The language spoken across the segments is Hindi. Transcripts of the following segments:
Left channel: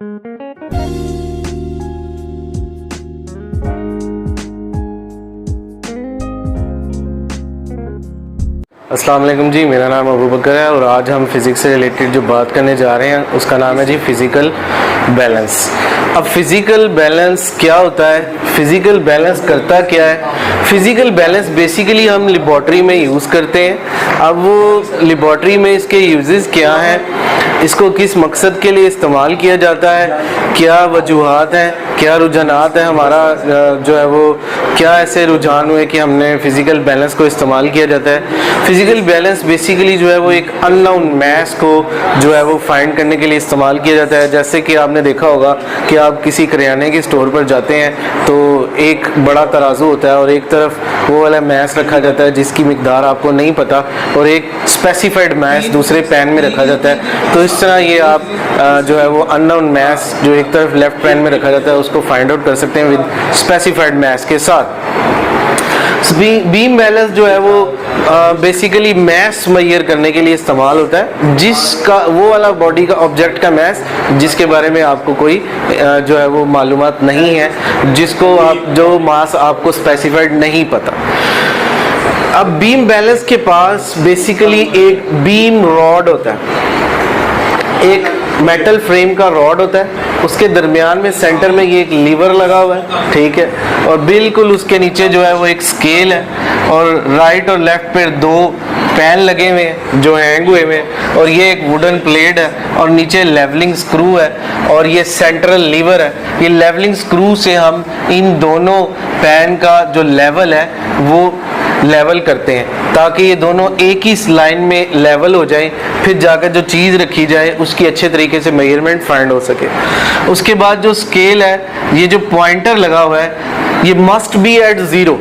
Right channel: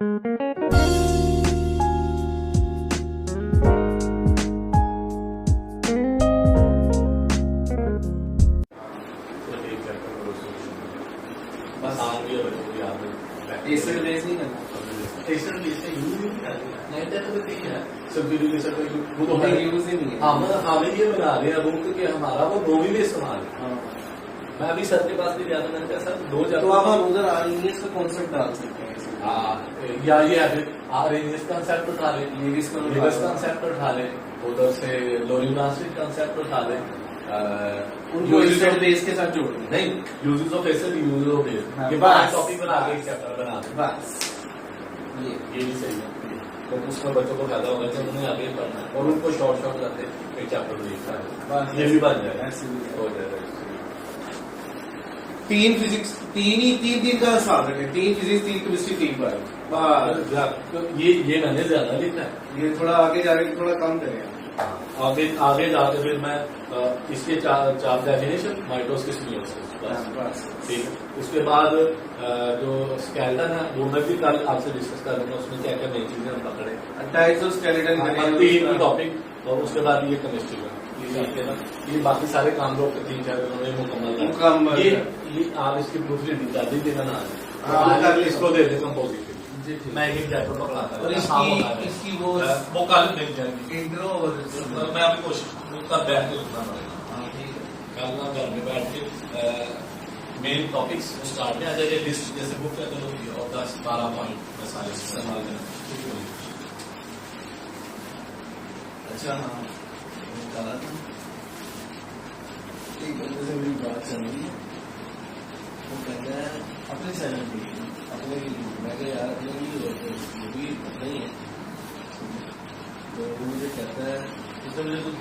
अस्सलाम वालेकुम जी, मेरा नाम अबू बकर है और आज हम फ़िज़िक्स से रिलेटेड जो बात करने जा रहे हैं उसका नाम है जी फ़िज़िकल बैलेंस। अब फ़िज़िकल बैलेंस क्या होता है, फ़िज़िकल बैलेंस करता क्या है? फ़िज़िकल बैलेंस बेसिकली हम लेबॉर्ट्री में यूज़ करते हैं। अब वो लेबॉर्ट्री में इसके यूजेस क्या हैं, इसको किस मकसद के लिए इस्तेमाल किया जाता है, क्या वजूहात हैं, क्या रुझानात हैं, हमारा जो है वो क्या ऐसे रुझान हुए कि हमने फ़िज़िकल बैलेंस को इस्तेमाल किया जाता है। फ़िज़िकल बैलेंस बेसिकली जो है वो एक अननोन मैस को जो है वो फाइंड करने के लिए इस्तेमाल किया जाता है। जैसे कि आपने देखा होगा कि आप किसी करियाने के स्टोर पर जाते हैं तो एक बड़ा तराजू होता है और एक तरफ वो वाला मैस रखा जाता है जिसकी मिकदार आपको नहीं पता, और एक स्पेसिफाइड मैस दूसरे पैन में रखा जाता है। तो इस तरह ये आप जो है वो अननोन मैस जो एक तरफ लेफ्ट पैन में रखा जाता है उसको फाइंड आउट कर सकते हैं विद स्पेसिफाइड मैस के साथ। बीम बैलेंस जो है वो बेसिकली मैस मेजर करने के लिए इस्तेमाल होता है, जिसका वो वाला बॉडी का ऑब्जेक्ट का मैस जिसके बारे में आपको कोई जो है वो मालूमात नहीं है, जिसको आप जो मास आपको स्पेसिफाइड नहीं पता। अब बीम बैलेंस के पास बेसिकली एक बीम रॉड होता है, एक मेटल फ्रेम का रॉड होता है, उसके दरमियान में सेंटर में ये एक लीवर लगा हुआ है, ठीक है, और बिल्कुल उसके नीचे जो है वो एक स्केल है और राइट और लेफ्ट पे दो पैन लगे हुए हैं जो हैंग हुए हुए हैं, और ये एक वुडन प्लेट है और नीचे लेवलिंग स्क्रू है और ये सेंट्रल लीवर है। ये लेवलिंग स्क्रू से हम इन दोनों पैन का जो लेवल है वो लेवल करते हैं ताकि ये दोनों एक ही लाइन में लेवल हो जाए, फिर जाकर जो चीज़ रखी जाए उसकी अच्छे तरीके से मेजरमेंट फाइंड हो सके। उसके बाद जो स्केल है, ये जो पॉइंटर लगा हुआ है, ये मस्ट बी एट ज़ीरो,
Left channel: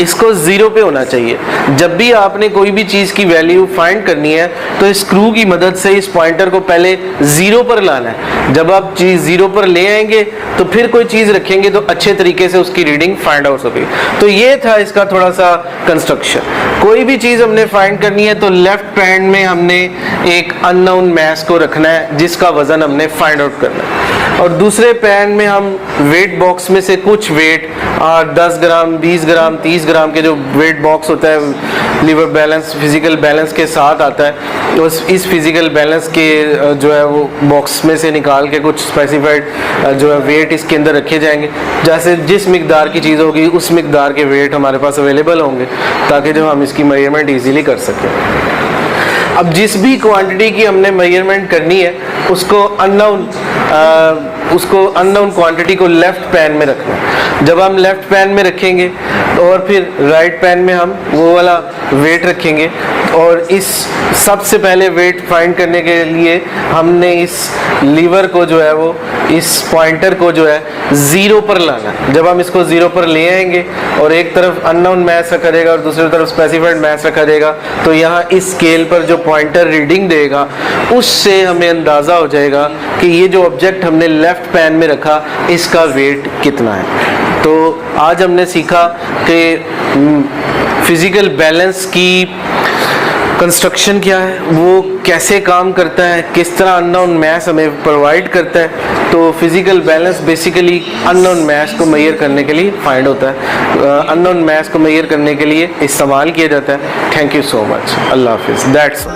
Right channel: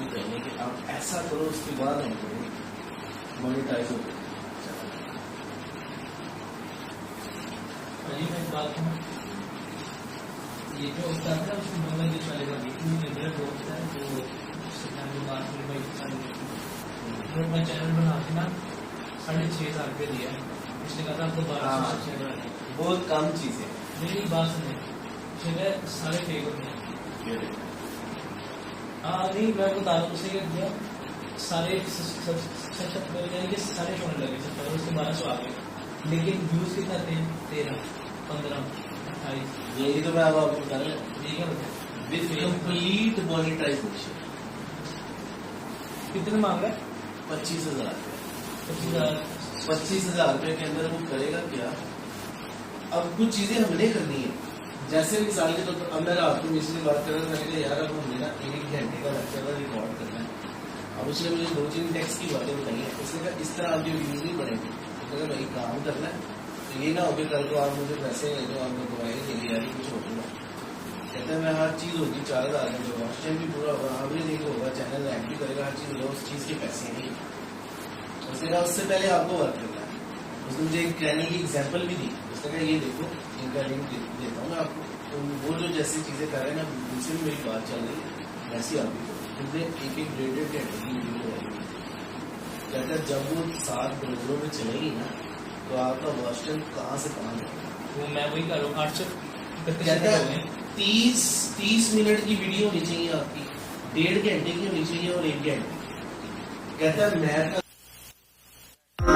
इसको ज़ीरो पे होना चाहिए। जब भी आपने कोई भी चीज़ की वैल्यू फाइंड करनी है तो इस स्क्रू की मदद से इस पॉइंटर को पहले ज़ीरो पर लाना है। जब आप चीज़ ज़ीरो पर ले आएंगे तो फिर कोई चीज़ रखेंगे तो अच्छे तरीके से उसकी रीडिंग फाइंड आउट हो सके। तो ये था इसका थोड़ा सा कंस्ट्रक्शन। कोई भी चीज़ हमने फाइंड करनी है तो लेफ्ट हैंड में हमने एक अननोन मैस को रखना है जिसका वज़न हमने फाइंड आउट करना है, और दूसरे पैन में हम वेट बॉक्स में से कुछ वेट 10 ग्राम 20 ग्राम 30 ग्राम के जो वेट बॉक्स होता है लीवर बैलेंस फिजिकल बैलेंस के साथ आता है, तो इस फिजिकल बैलेंस के जो है वो बॉक्स में से निकाल के कुछ स्पेसिफाइड जो है वेट इसके अंदर रखे जाएंगे। जैसे जिस मिकदार की चीज़ होगी उस मिकदार के वेट हमारे पास अवेलेबल होंगे ताकि जो हम इसकी मेजरमेंट ईजीली कर सकें। अब जिस भी क्वांटिटी की हमने मेजरमेंट करनी है उसको अननोन क्वांटिटी को लेफ्ट पैन में रखना है। जब हम लेफ्ट पैन में रखेंगे और फिर राइट पैन में हम वो वाला वेट रखेंगे, और इस सबसे पहले वेट फाइंड करने के लिए हमने इस लीवर को जो है वो इस पॉइंटर को जो है ज़ीरो पर लाना है। जब हम इसको ज़ीरो पर ले आएंगे और एक तरफ अननोन मैस रखा जाएगा और दूसरी तरफ स्पेसिफाइड मैस रखा जाएगा, तो यहाँ इस स्केल पर जो पॉइंटर रीडिंग देगा उससे हमें अंदाज़ा हो जाएगा कि ये जो ऑब्जेक्ट हमने लेफ्ट पैन में रखा इसका वेट कितना है। तो आज हमने सीखा कि फिज़िकल बैलेंस की कंस्ट्रक्शन क्या है, वो कैसे काम करता है, किस तरह अननोन मैस हमें प्रोवाइड करता है। तो physical balance basically unknown mass को मेजर करने के लिए फाइंड होता है, अननोन मैस को मेजर करने के लिए इस्तेमाल किया जाता है। Thank you so much. अल्लाह हाफिज़। दैट्स